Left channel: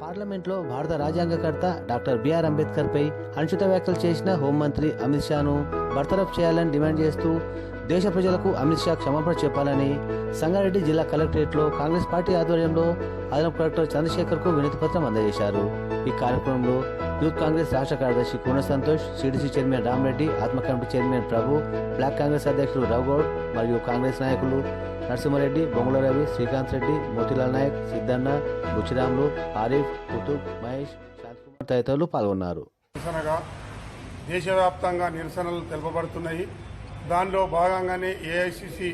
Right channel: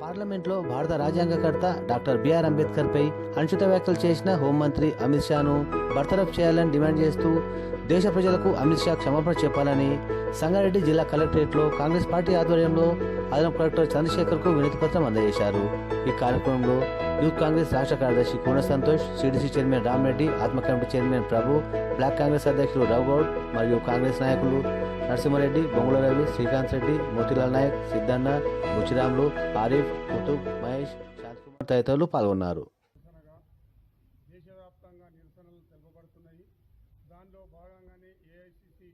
పార్లమెంట్లో భారత రాజ్యాంగకర్త doctor BR అంబేద్కర్పై అనుచిత వ్యాఖ్యలు చేసిన హోంమంత్రి అమిత్ షాను బర్తరఫ్ చేయాలని డిమాండ్ చేస్తూ దేశ ప్రజలకు అమిత్ షా క్షమాపణ చెప్పాలని సంగారెడ్డి జిల్లా కలెక్టరేట్లో కాంగ్రెస్ పార్టీ ఆధ్వర్యంలో అదనపు కలెక్టర్ చంద్రశేఖర్కు వినతి పత్రం అందజేశారు. ఈ కార్యక్రమంలో యూత్ కాంగ్రెస్ రాష్ట్ర కార్యదర్శి కూన సంతోష్ సిడిసి చైర్మన్ రామరెడ్డి ఆత్మ committee chairman Prabhu block Congress అధ్యక్షుడు రఘుగౌడ్ మరియు కాంగ్రెస్ నాయకులు నరసింహారెడ్డి బొంగుల రవి శ్రీకాంత్ రెడ్డి మోతిలాల్ నాయక్ సిద్ధన్న బుచ్చిరాములు ఆరిఫ్ కుతుబ్ మహేష్ శాంతకుమార్ తదితరులు పాల్గొన్నారు. నిరసనగా దేశవ్యాప్తంగా నిరసనలు తెలుపబడుతున్నాయి. దానిలో భాగంగానే ఏఐసిసి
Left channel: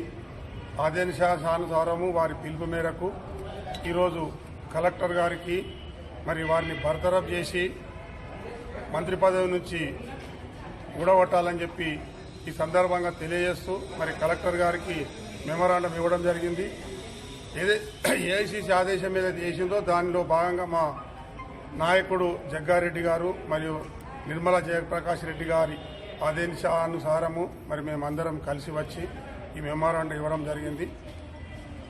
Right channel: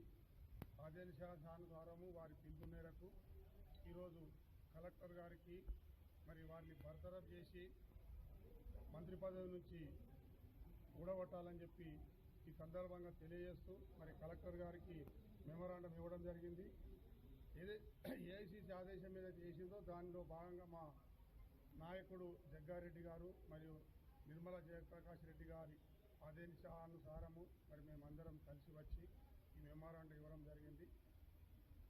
ఆదేశానుసారము వారి పిలుపు మేరకు ఈరోజు కలెక్టర్ గారికి మరి వారిని బర్తరఫ్ చేసి మంత్రి పదవి నుంచి ఊడగొట్టాలని చెప్పి ఈ సందర్భంగా తెలియజేస్తూ మరి కలెక్టర్ గారికి మెమోరాండం ఇవ్వడం జరిగింది. ఏదే ఏఐసిసి ఆదేశం ఏదైతే చేసిందో దానిలో భాగంగా మా నాయకుడు జగ్గారెడ్డి గారు మరియు నిర్మలా జయప్రకాష్ రెడ్డి గారి ఆదేశానుసారము మరి మేమందరం కలిసి వచ్చి ఈ మెమోరాండం ఇవ్వడం జరిగింది.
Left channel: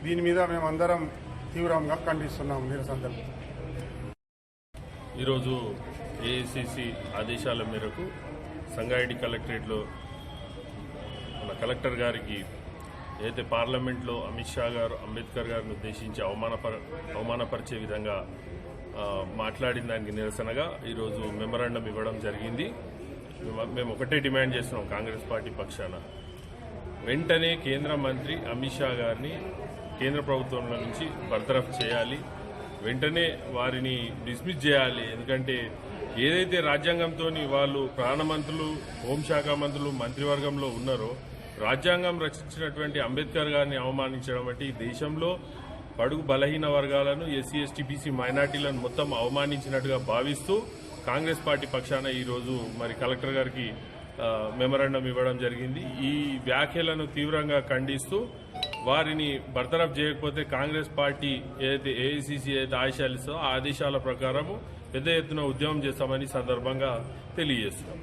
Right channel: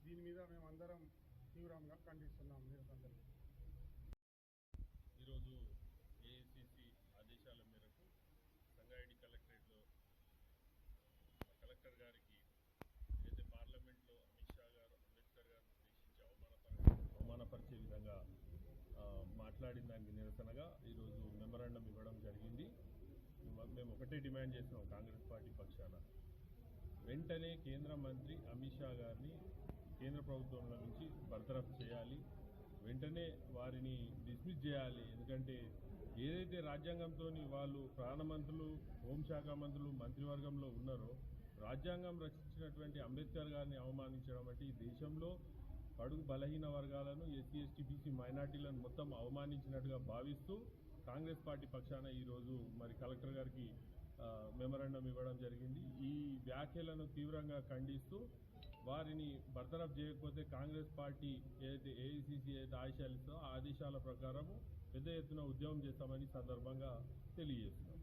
దీని మీద మేమందరం తీవ్రంగా ఖండిస్తున్నాం సందర్భం ఈరోజు ఏఐసిసి ఆదేశాల మేరకు సంగారెడ్డి కలెక్టరేట్లో మన కలెక్టర్ గారికి ఏదైతే పార్లమెంట్లో అమిత్ షా గారు అంబేద్కర్ గారిని ఉద్దేశించి అవమానపర అవమానపరిచే విధంగా మాట్లాడిన దానికి నిరసనగా ఈరోజు మెమరాండం ఇవ్వడం జరిగింది. మేము- ఒకటే డిమాండ్ చేస్తున్నాం కాంగ్రెస్ పార్టీ పక్షాన. వెంటనే కేంద్ర మంత్రి అమిత్ షా గారిని కేంద్ర ప్రభుత్వంలో నుంచి బర్తరఫ్ చేయాలి. వెంటనే వారిని డిస్మిస్ చేయాలి. ఎందుకంటే ఏదైతే రాజ్యాంగంతో వాళ్ళు ప్రాణమంత్రులు హోంశాఖ మంత్రులు మంత్రివర్గంలో ఉన్నారో రాజ్యాంగం రచించినటువంటి అంబేద్కర్ గారిని అవమానించడం అంటే ఈ దేశంలో పడుగు బలహీన వర్గాలను ఎస్సీ ఎస్టీ బీసీ మైనార్టీలను మొత్తం అవమానించినట్టుగా భావిస్తూ కాంగ్రెస్ పార్టీ పక్షాన ఈరోజు మరి కలెక్టర్ గారికి మెమరాండం ఇవ్వడం జరిగింది. ఈ వ్యాఖ్యలను తీవ్రంగా ఖండిస్తూ వారిని బర్తరఫ్ చేయకపోతే కాంగ్రెస్ పార్టీ ఏదైతే ఏఐసిసి ఏదైతే ఆదేశాలు ఇస్తుందో ఆ ఆదేశాల ప్రకారము పెద్ద ఎత్తున ఉద్యమం చేస్తామని సందర్భంగా తెలియజేస్తున్నాం.